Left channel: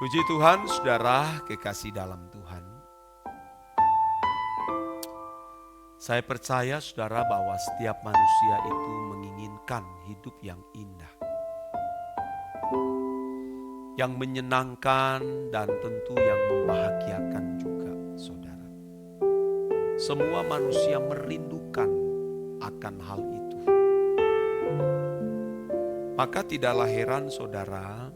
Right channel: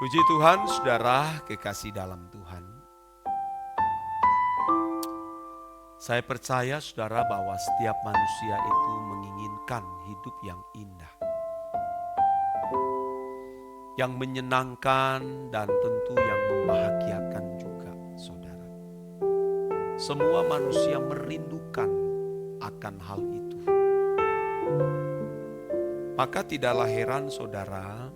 Puji Tuhan, saudara kekasih dalam Tuhan. Saya percaya saudara bahwa setiap manusia itu menginginkan hidup yang indah, yang menyenangkan dan tentu yang membahagiakan juga saudara. Semua manusia merindukan akan hal itu. Maka tidaklah heran saudara,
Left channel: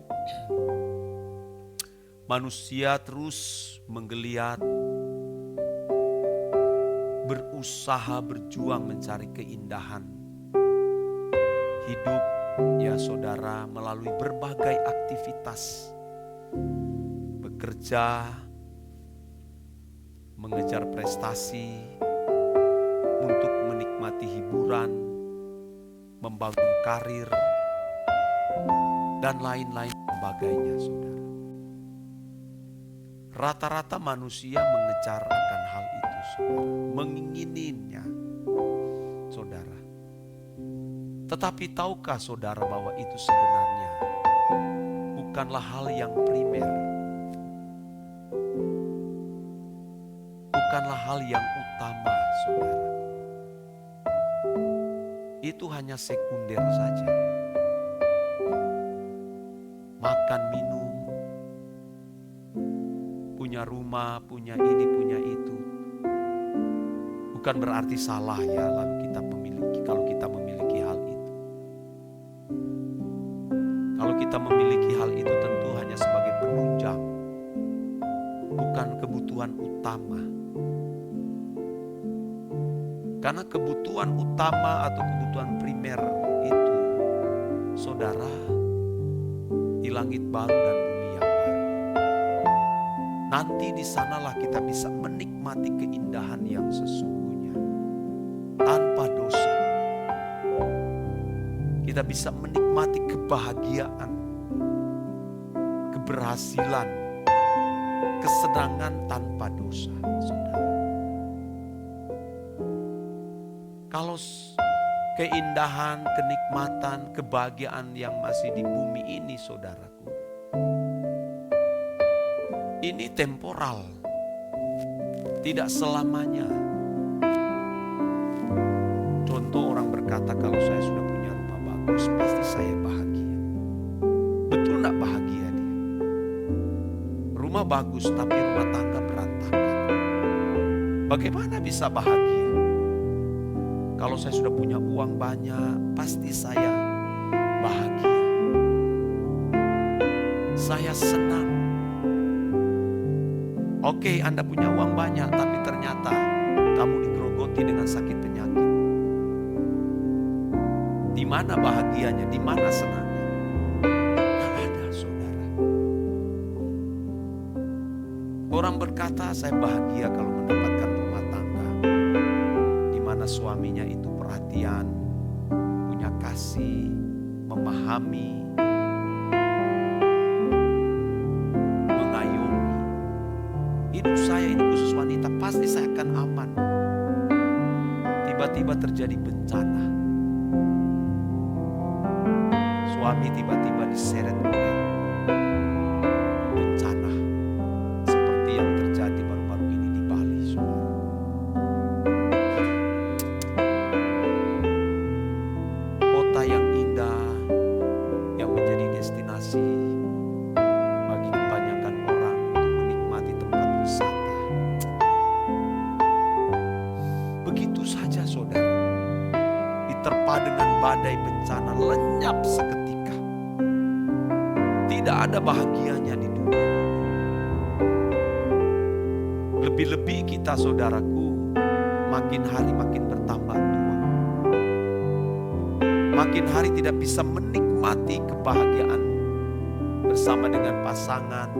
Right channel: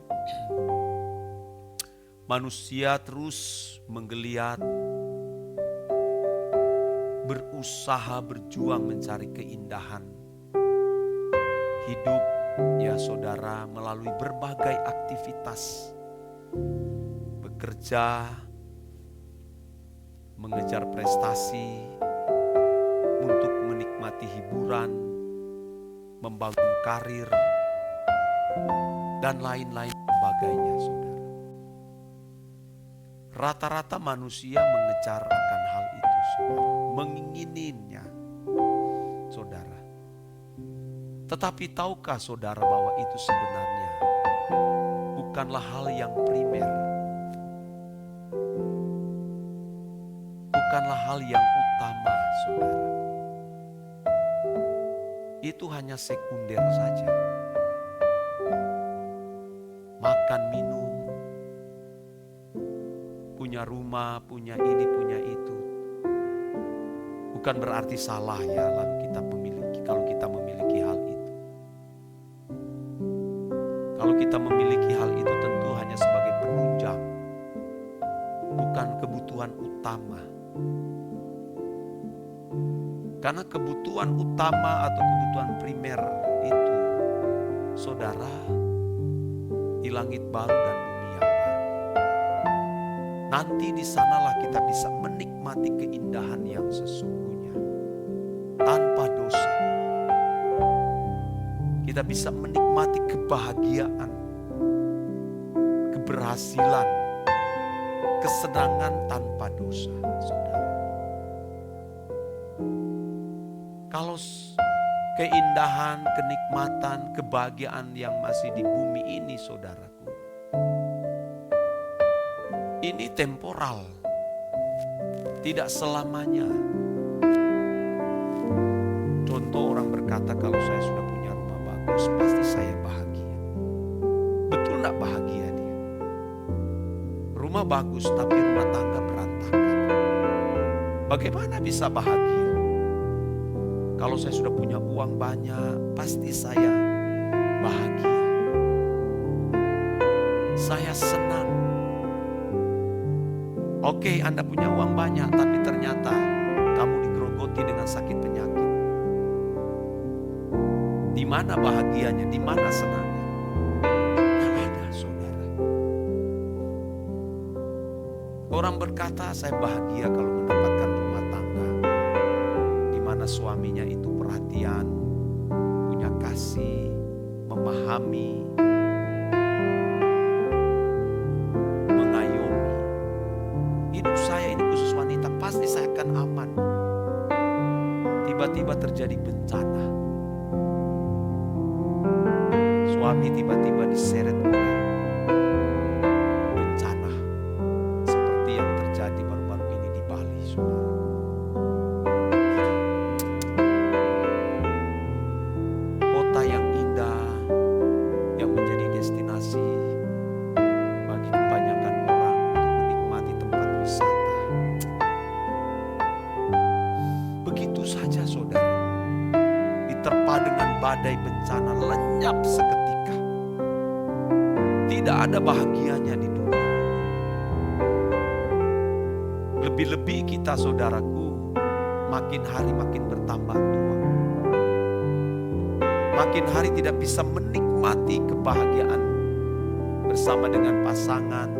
manusia terus menggeliat, berusaha berjuang mencari keindahan hidup ya saudara melalui berbagai aktivitas, bekerja, mengejar prestasi, untuk menikmati hiburan, membangun karir, dan lain-lain sebagainya saudara. Rata-rata manusia mengejar akan hal itu saudara, mengingininya saudara. Tetapi tahukah saudara bahwa itu sebenarnya bukanlah hal yang primer, bukanlah hal yang utama saudara. Itu hanya sekunder saja. Makan, minum, punya rumah, punya ini, punya itu. Bukan berarti salah ya lalu kita memiliki, kalau kita memiliki hal itu. Kalau kita memiliki hal itu tentu hanya sebagai penunjang, bukan kebutuhan utama. Karena kebutuhan utama atau kebutuhan primer itu, saudara, di langit baru dan bumi yang baru. Nanti di sanalah kita bisa menikmati keindahan yang sesungguhnya tanpa dosa. Kita bisa menikmati kebahagiaan, keberhasilan, kesenangan tanpa dosa, saudara. Kalau keindahan, kenikmatan, kebahagiaan yang masih di bumi ini, saudaraku, ini temporal, tidak selamanya. Contoh, orang berkata kalau saya sudah punya rumah bagus, pasti saya bahagia. Betul gak bahagia dia? Rumah bagus tapi rumah tangga berantakan. Bagaimana bisa bahagia? Kalau saya sudah punya uang banyak, pasti saya bahagia. Saya senang. Oke, Anda punya uang banyak, tapi ternyata kamu digerogoti dengan sakit penyakit. Di mana bahagianya? Di mana senangnya? Tidak ada, saudara. Orang berkata, saya bahagia kalau mendapatkan rumah tangga di mana suaminya itu perhatian, punya kasih, memahami, mengayomi. Hidup saya ini khusus wanita, pasti saya akan aman. Tiba-tiba terjadi bencana. Suami tiba-tiba diseret oleh bencana seperti yang terjadi baru-baru ini di Bali, saudara. Kota yang indah, yang menjadi destinasi bagi kebanyakan orang untuk menikmati tempat wisata. Begitu saja saudara, diterpa dengan badai bencana, lenyap seketika. Tidak ada bahagianya di dunia. Lebih-lebih kita saudaraku, makin hari makin bertambah tua. Makin hari tidak bisa menikmati kebahagiaan bersama dengan pasangan,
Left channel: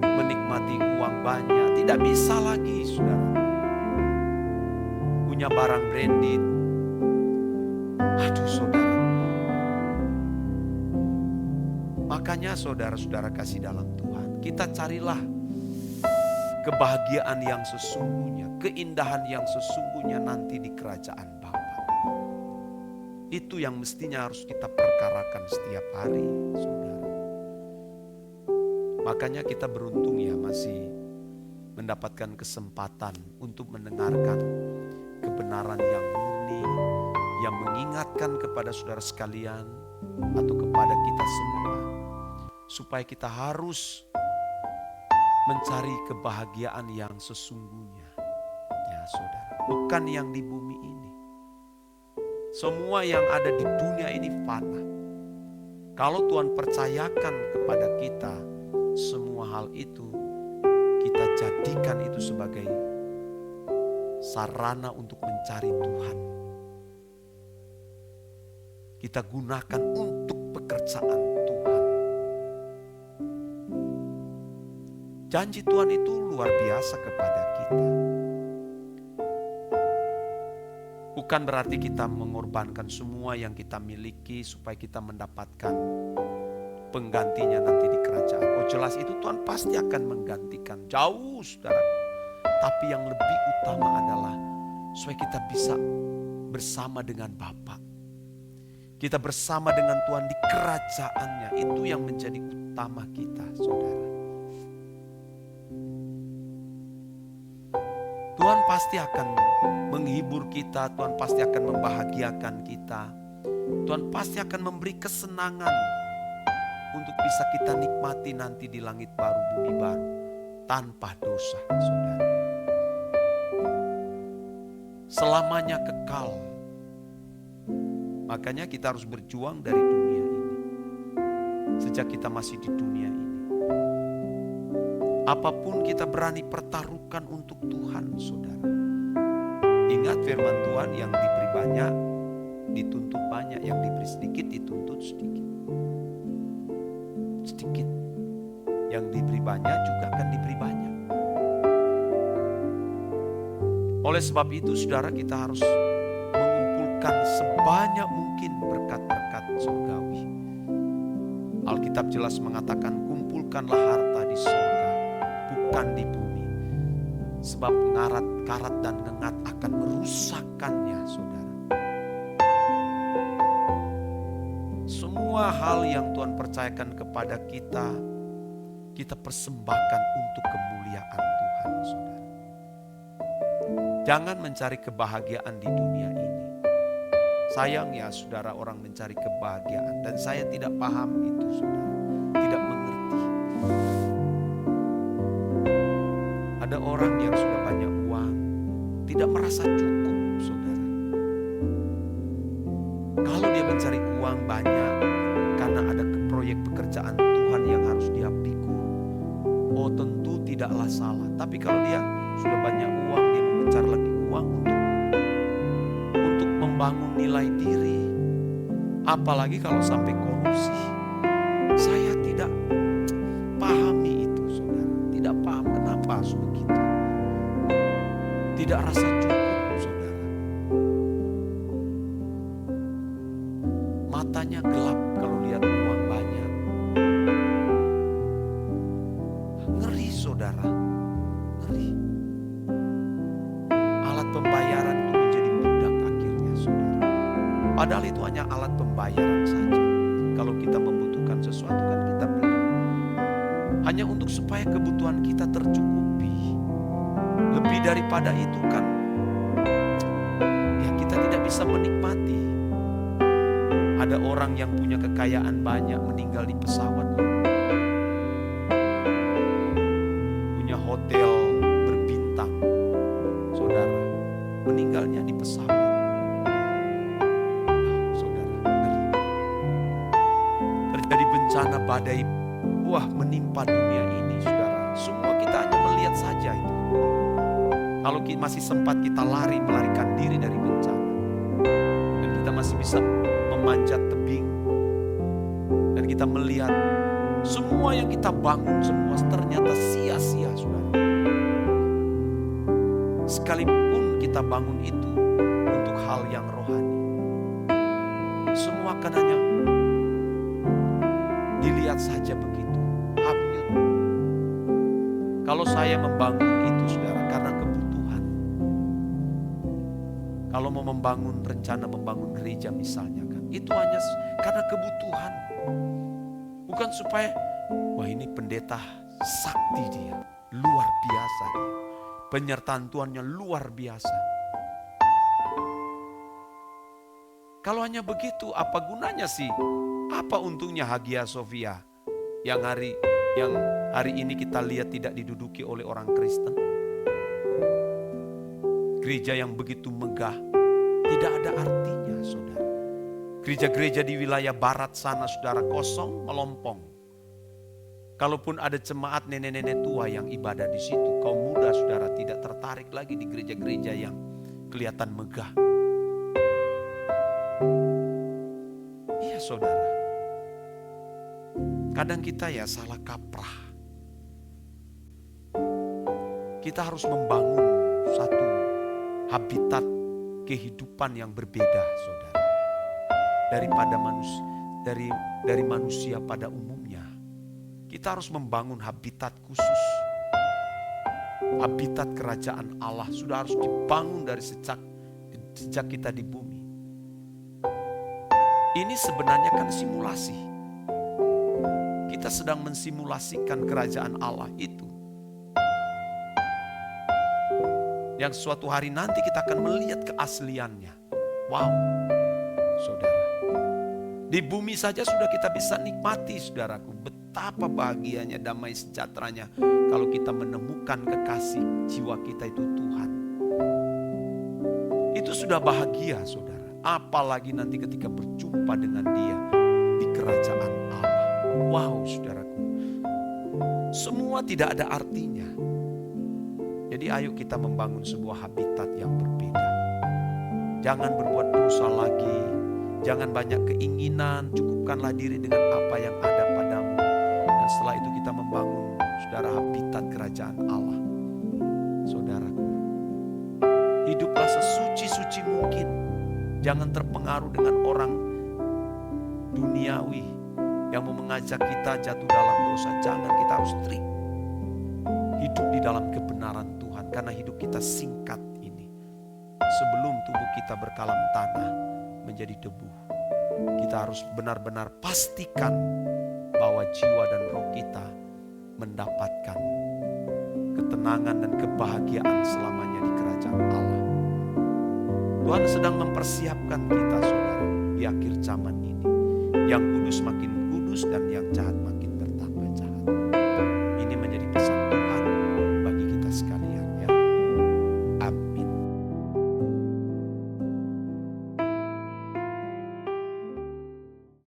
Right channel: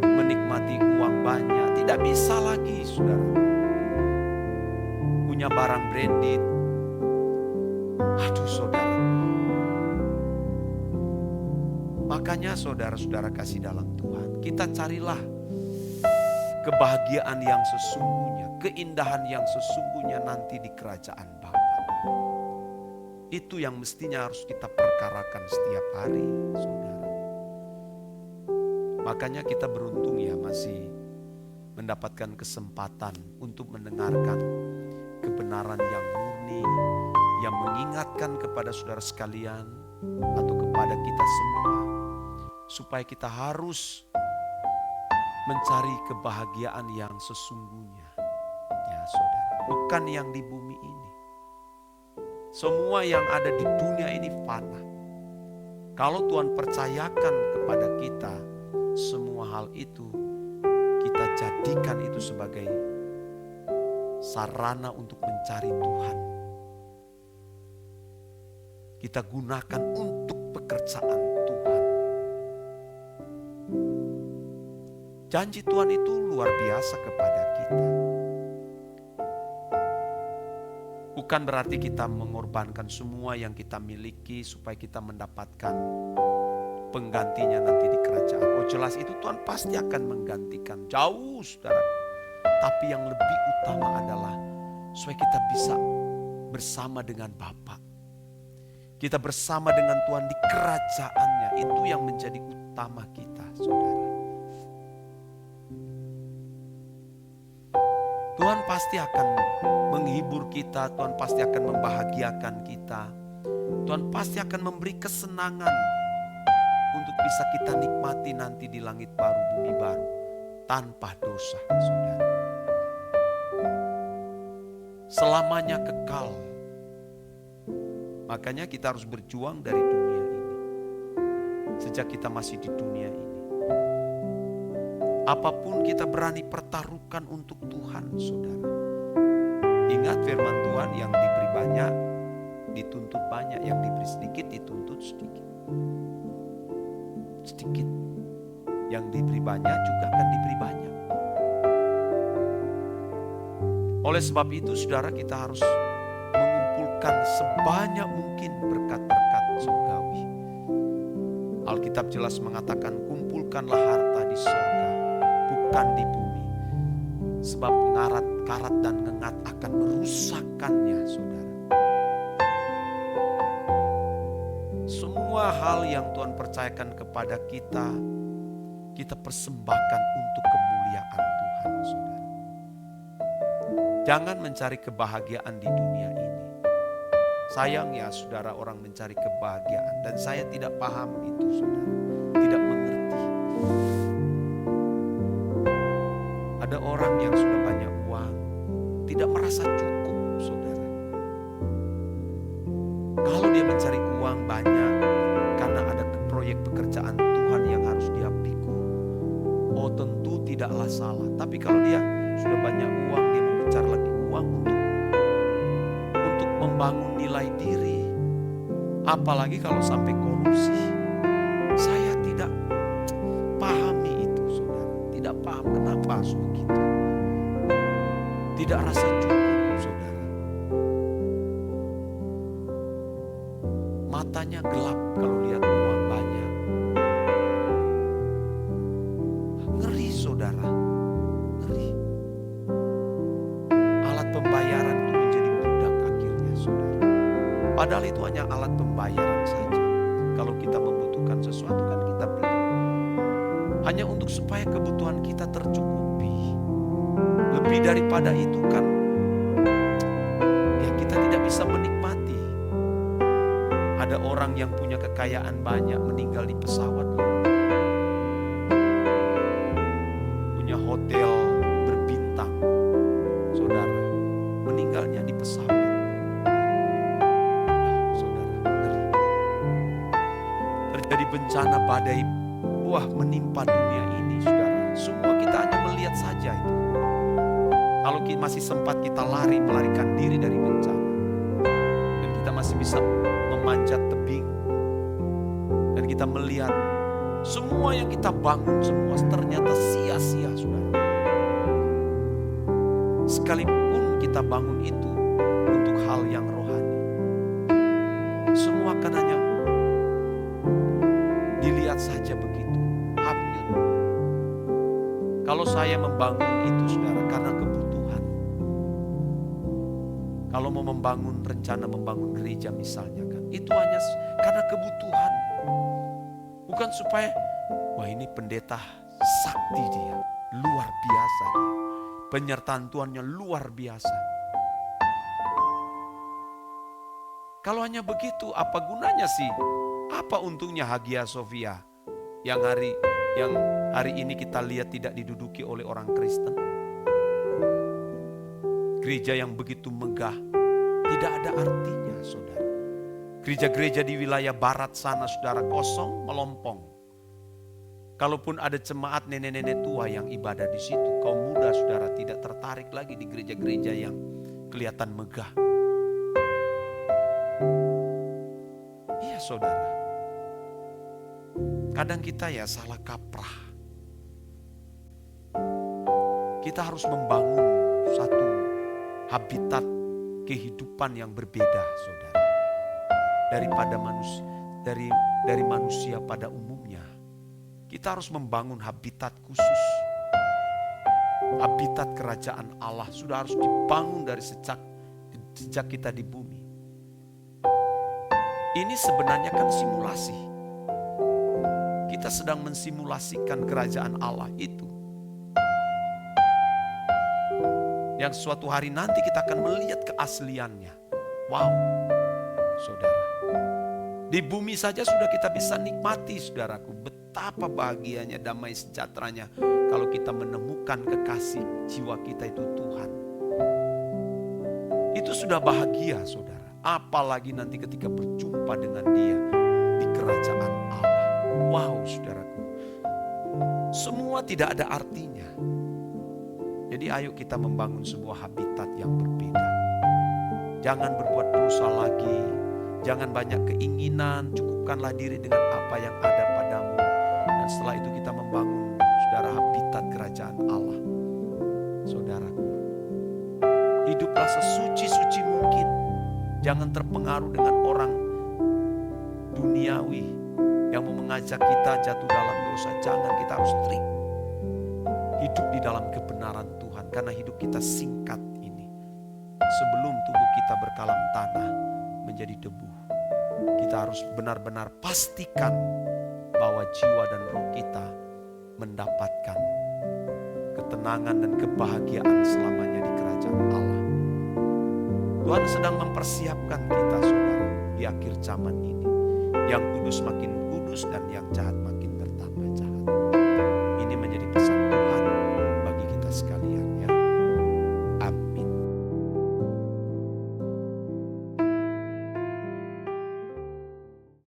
menikmati uang banyak. Tidak bisa lagi saudara. Punya barang branded. Aduh saudara. Makanya saudara-saudara kasih dalam Tuhan, kita carilah kebahagiaan yang sesungguhnya, keindahan yang sesungguhnya nanti di kerajaan Bapa. Itu yang mestinya harus kita perkarakan setiap hari, saudara. Makanya kita beruntung ya masih mendapatkan kesempatan untuk mendengarkan kebenaran yang murni, yang mengingatkan kepada saudara sekalian atau kepada kita semua, supaya kita harus mencari kebahagiaan yang sesungguhnya. Ya saudara, bukan yang di bumi ini. Semua yang ada di dunia ini fana. Kalau Tuhan percayakan kepada kita semua hal itu, kita jadikan itu sebagai sarana untuk mencari Tuhan. Kita gunakan untuk pekerjaan Tuhan. Janji Tuhan itu luar biasa kepada kita. Bukan berarti kita mengorbankan semua yang kita miliki supaya kita mendapatkan penggantinya nanti di kerajaan. Oh jelas itu Tuhan pasti akan menggantikan. Jauh saudara. Tapi yang lebih utama adalah supaya kita bisa bersama dengan Bapa. Kita bersama dengan Tuhan di kerajaannya. Itu yang menjadi utama kita saudara. Tuhan pasti akan menghibur kita. Tuhan pasti akan membahagiakan kita. Tuhan pasti akan memberi kesenangan untuk bisa kita nikmati nanti di langit baru, bumi baru, tanpa dosa, saudara. Selamanya kekal. Makanya kita harus berjuang dari dunia ini. Sejak kita masih di dunia ini. Apapun kita berani pertaruhkan untuk Tuhan, saudara. Ingat firman Tuhan, yang diberi banyak, dituntut banyak. Yang diberi sedikit, dituntut sedikit. Sedikit. Yang diberi banyak juga akan diberi banyak. Oleh sebab itu saudara, kita harus mengumpulkan sebanyak mungkin berkat-berkat surgawi. Alkitab jelas mengatakan, kumpulkanlah harta di surga, bukan di bumi. Sebab karat dan ngengat akan merusakkannya saudara. Semua hal yang Tuhan percayakan kepada kita, kita persembahkan untuk kemuliaan Tuhan, saudara. Jangan mencari kebahagiaan di dunia ini. Sayang ya saudara, orang mencari kebahagiaan. Dan saya tidak paham itu saudara. Tidak mengerti. Ada orang yang sudah banyak uang, tidak merasa cukup saudara. Kalau dia mencari uang banyak karena ada proyek pekerjaan Tuhan yang harus dia pikul, oh tentu tidaklah salah. Tapi kalau dia sudah banyak uang, dia mau mencari lagi uang untuk membangun nilai diri, apalagi kalau sampai korupsi. Saya tidak pahami itu saudara. Tidak paham kenapa harus begitu. Tidak rasa cukup saudara. Matanya gelap kalau lihat uang banyak. Ngeri saudara, ngeri. Alat pembayaran itu menjadi budak akhirnya saudara. Padahal itu hanya alat pembayaran saja. Kalau kita membutuhkan sesuatu kan kita beli. Hanya untuk supaya kebutuhan kita tercukupi. Lebih daripada itu kan ya kita tidak bisa menikmati. Ada orang yang punya kekayaan banyak meninggal di pesawat loh. Punya hotel berbintang. Saudara, meninggalnya di pesawat. Saudara, ngeri. Terjadi bencana badai, wah menimpa dunia ini saudara. Semua kita hanya melihat saja itu. Kalau masih sempat kita melarikan diri dari bencana. Dan kita masih bisa memanjat tebing. Dan kita melihat semua yang kita bangun semua ternyata sia-sia saudara. Sekalipun kita bangun itu untuk hal yang rohani. Semua akan hanya dilihat saja begitu. Hanyut. Kalau saya membangun itu saudara karena kebutuhan. Kalau mau membangun rencana membangun gereja misalnya kan. Itu hanya karena kebutuhan. Bukan supaya Wah, ini pendeta sakti dia, luar biasa dia. Penyertaan Tuhannya luar biasa. Kalau hanya begitu, apa gunanya sih? Apa untungnya Hagia Sophia yang hari ini kita lihat tidak diduduki oleh orang Kristen? Gereja yang begitu megah tidak ada artinya, saudara. Gereja-gereja di wilayah barat sana, saudara, kosong melompong. Kalaupun ada jemaat nenek-nenek tua yang ibadah di situ, kaum muda, saudara, tidak tertarik lagi di gereja-gereja yang kelihatan megah. Iya, saudara. Kadang kita ya salah kaprah. Kita harus membangun satu habitat kehidupan yang berbeda, saudara. Daripada dari manusia pada umumnya. Kita harus membangun habitat khusus. Habitat kerajaan Allah sudah harus dibangun dari sejak kita di bumi. Ini sebenarnya kan simulasi. Kita sedang mensimulasikan kerajaan Allah itu. Yang suatu hari nanti kita akan melihat keasliannya. Wow, saudara. Di bumi saja sudah kita bisa nikmati, saudaraku. Betapa bahagianya, damai sejahteranya kalau kita menemukan kekasih jiwa kita itu Tuhan. Itu sudah bahagia, saudara. Apalagi nanti ketika berjumpa dengan Dia di kerajaan Allah. Wow, saudaraku. Semua tidak ada artinya. Jadi ayo kita membangun sebuah habitat yang berbeda. Jangan berbuat dosa lagi. Jangan banyak keinginan, cukupkanlah diri dengan apa yang ada padamu. Dan setelah itu kita membangun, saudara, habitat kerajaan Allah. Saudaraku, hiduplah sesuci-suci mungkin. Jangan terpengaruh dengan orang duniawi yang mau mengajak kita jatuh dalam dosa. Jangan, kita harus strict. Hidup di dalam kebenaran Tuhan, karena hidup kita singkat ini. Sebelum tubuh kita berkalam tanah menjadi debu, kita harus benar-benar pastikan bahwa jiwa dan roh kita mendapatkan ketenangan dan kebahagiaan selamanya di kerajaan Allah. Tuhan sedang mempersiapkan kita, saudara, di akhir zaman ini. Yang kudus makin kudus dan yang jahat makin bertambah jahat. Ini menjadi pesan